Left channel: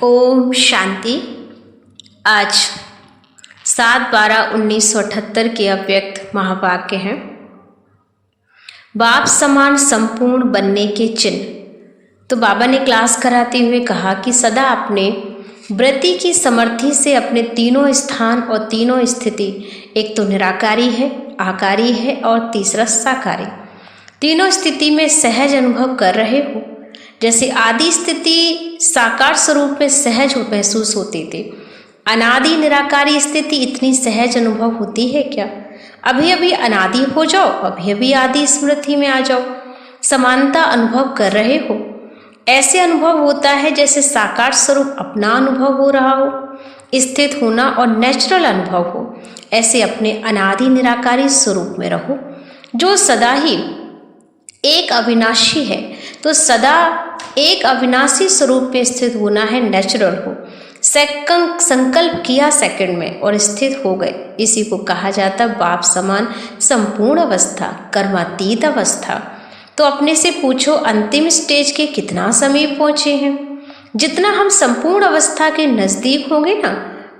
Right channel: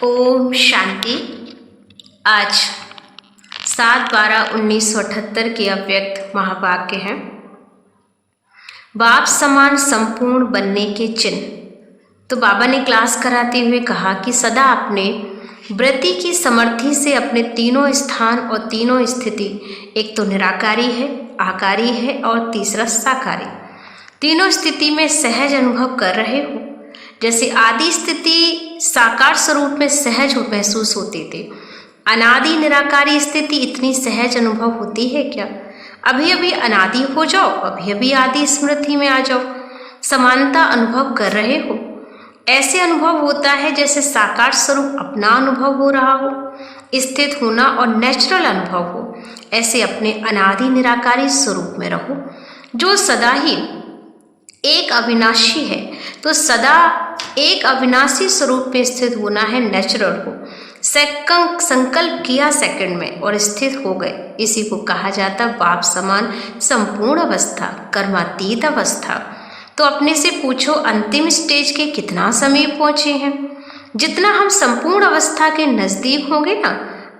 ओम शांति। आज 7/12/1978 के अव्यक्त महावाक्य हैं। बाप समान संपूर्ण बनने के चिन्ह। तो बाबा ने क्लास कराते हुए कहा कि सदा अपने वृत्ति की समर्थि से अपने तीनों स्थान और तीनों स्थिति, एक तो निराकारी है, आकारी है और तीसरा साकारी, तीनों स्थिति में सहज अनुभव कर रहे हो। जैसे आदि स्थिति साकार स्वरूप में सहज महसूस होती थी, अनादि निराकारी स्थिति इतनी सहज अनुभव होती है क्या? अभी अभी अनादि हो जाओ, अभी अभी आदि स्मृति में आ जाओ, समानता अनुभव कर रहे हो। ऐसे अनुभव होता है जैसे साकार स्वरूप अपना अनुभव हो रहा हो, स्थित होना और नेचुरल अनुभव हो। ऐसे अपने अनादि निराकारी स्वरूप में रहो जो सदा ही एक अविनाशी है। तो सदा एक अविनाशी स्वरूप में स्थित होना है, नेचुरल हो। संकल्प किया सेकंड में और स्थित हो गए, इसी को कहा जाता बाप समान संपूर्ण अवस्था, कर्मातीत अवस्था। तो अपने से पूछो अंतिम स्टेज के कितना समीप पहुंचे हैं। जितना हम संपूर्ण अवस्था के नजदीक होंगे ना,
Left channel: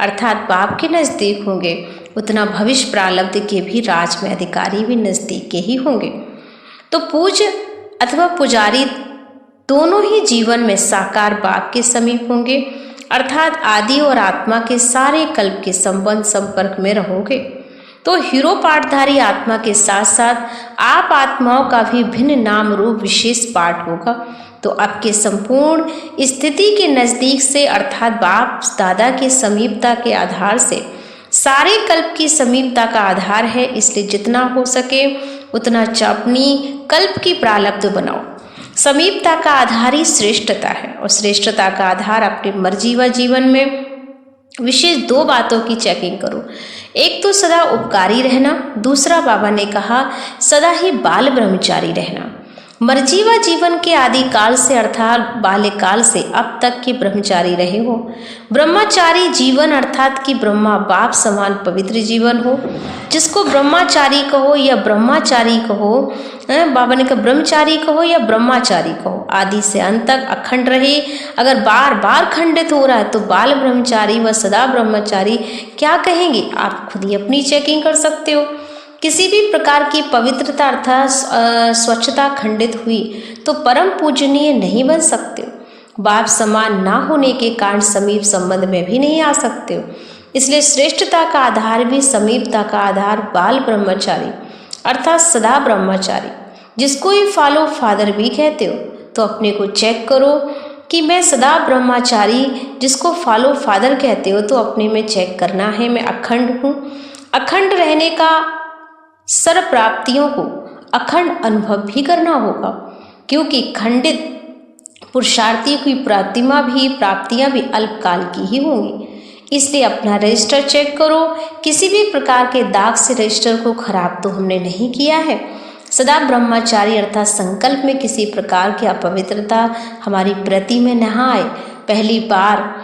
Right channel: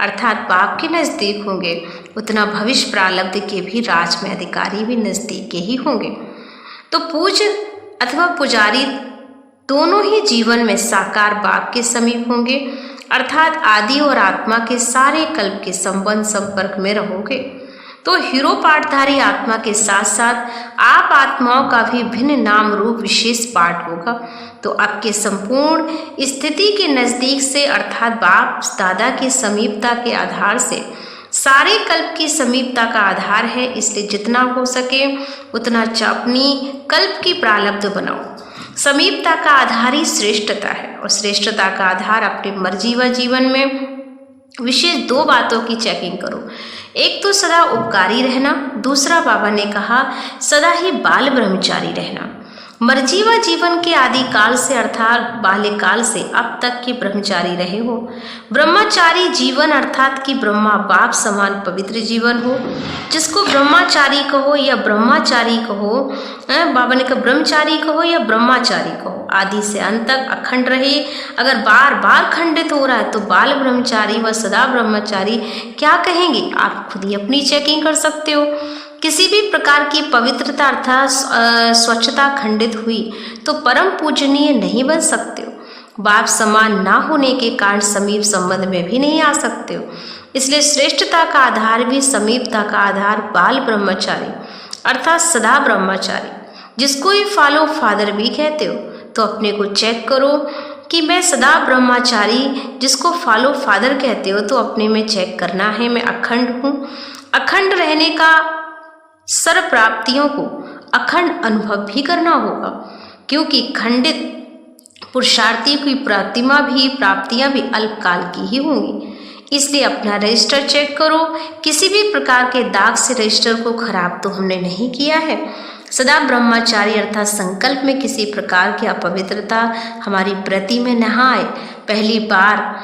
अर्थात बाप के नजदीक होंगे, उतना भविष्य प्रारब्ध के भी राज में अधिकारी भी नजदीक के ही होंगे। तो पूज्य अथवा पुजारी दोनों ही जीवन में साकार बाप के समीप होंगे, अर्थात आदि और आत्मा के सारे कल्प के संबंध संपर्क में रहोगे। तो हीरो पाठधारी आत्मा के साथ साथ आप आत्माओं का भी भिन्न नाम रूप विशेष पाठ होगा। तो आपके संपूर्ण स्थिति के नजदीक से, अर्थात बाप दादा के समीपता के आधार से सारे कल्प की समीपता का आधार है। इसलिए जितना हो सके उतना अपनी कल्प की प्रारब्ध बनाओ। समीपता का आधार ही श्रेष्ठता है और श्रेष्ठता का आधार अपनी मर्जी व जीवन में विशेष दो बातों की चेकिंग करो। एक तो सदा उपकारी रहना, दूसरा बाबा ने कहा सदा ही बाल ब्रह्मचारी रहना। मर्जी व जीवन के आदि काल से, अर्थात बाल्यकाल से अब तक के ब्रह्मचारी रहे हो। ब्रह्मचारी जीवन अर्थात कि ब्रह्मा बाप समान पवित्र जीवन हो। जिसको ब्रह्मचारी कहो या ब्रह्मचारी कहो, बाबा ने कहा ब्रह्मचारी कहो या ब्रह्मचारी कहो, आदि से अंत तक अखंड रहे। अगर बार बार खंडित हो रहा है तो बाल ब्रह्मचारी व सदा ब्रह्मचारी क्या कहेंगे? आप खुद ही अपनी चेकिंग कर सकते हो। किसी भी प्रकार की पवित्रता अर्थात स्वच्छता खंडित हुई तो परम पूजनीय नहीं बन सकते हो। बाप समान ना होने के कारण समीप संबंध में भी नहीं आ सकते हो। इसलिए श्रेष्ठता का आधार भी, समीपता का आधार बाल ब्रह्मचारी अर्थात सदा ब्रह्मचारी, जिसको ही फॉलो फादर भी कहते हो। तो अपने को चेक करो कि मैं सदा ब्रह्मचारी, जिसको फॉलो फादर कहते हो, तो अपने में चेक करना है मैं अखंड हूँ। अखंड रहने का सर्व प्राप्तियों को अखंड अनुभव भी करना होगा, क्योंकि खंडित पुरुषार्थी की प्राप्तियां भी अल्पकाल की ही होंगी। इसलिए अपना रजिस्टर चेक करो, किसी भी प्रकार के दाग से रजिस्टर को खराब तो हमने नहीं किया है। सदा ब्रह्मचारी अर्थात संकल्प में किसी प्रकार की अपवित्रता हमारी प्रति में न आए। पहली बार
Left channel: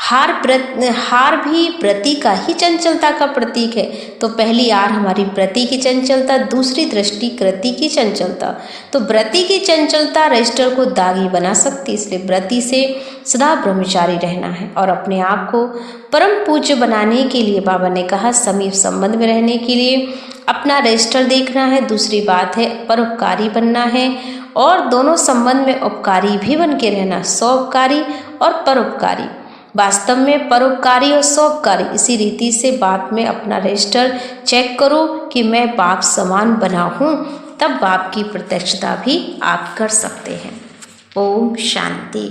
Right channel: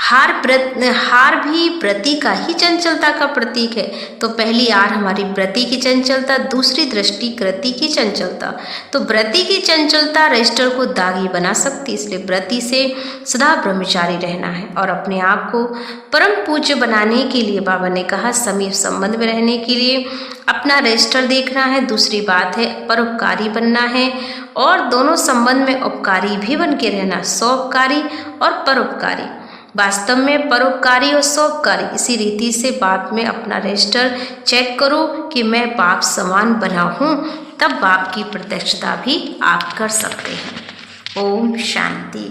हार भी व्रति का ही चंचलता का प्रतीक है। तो पहली आर हमारी व्रति की चंचलता, दूसरी दृष्टि कृति की चंचलता। तो व्रति की चंचलता रजिस्टर को दागी बना सकती, इसलिए व्रति से सदा ब्रह्मचारी रहना है। और अपने आप को परम पूज्य बनाने के लिए बाबा ने कहा समीप संबंध में रहने के लिए अपना रजिस्टर देखना है। दूसरी बात है परोपकारी बनना है, और दोनों संबंध में उपकारी भी बन के रहना, सौपकारी और परोपकारी। वास्तव में परोपकारी और सौपकारी इसी रीति से बाप में अपना रजिस्टर चेक करो कि मैं बाप समान बना हूँ, तब बाप की प्रत्यक्षता भी आप कर सकते हैं। ओम शांति।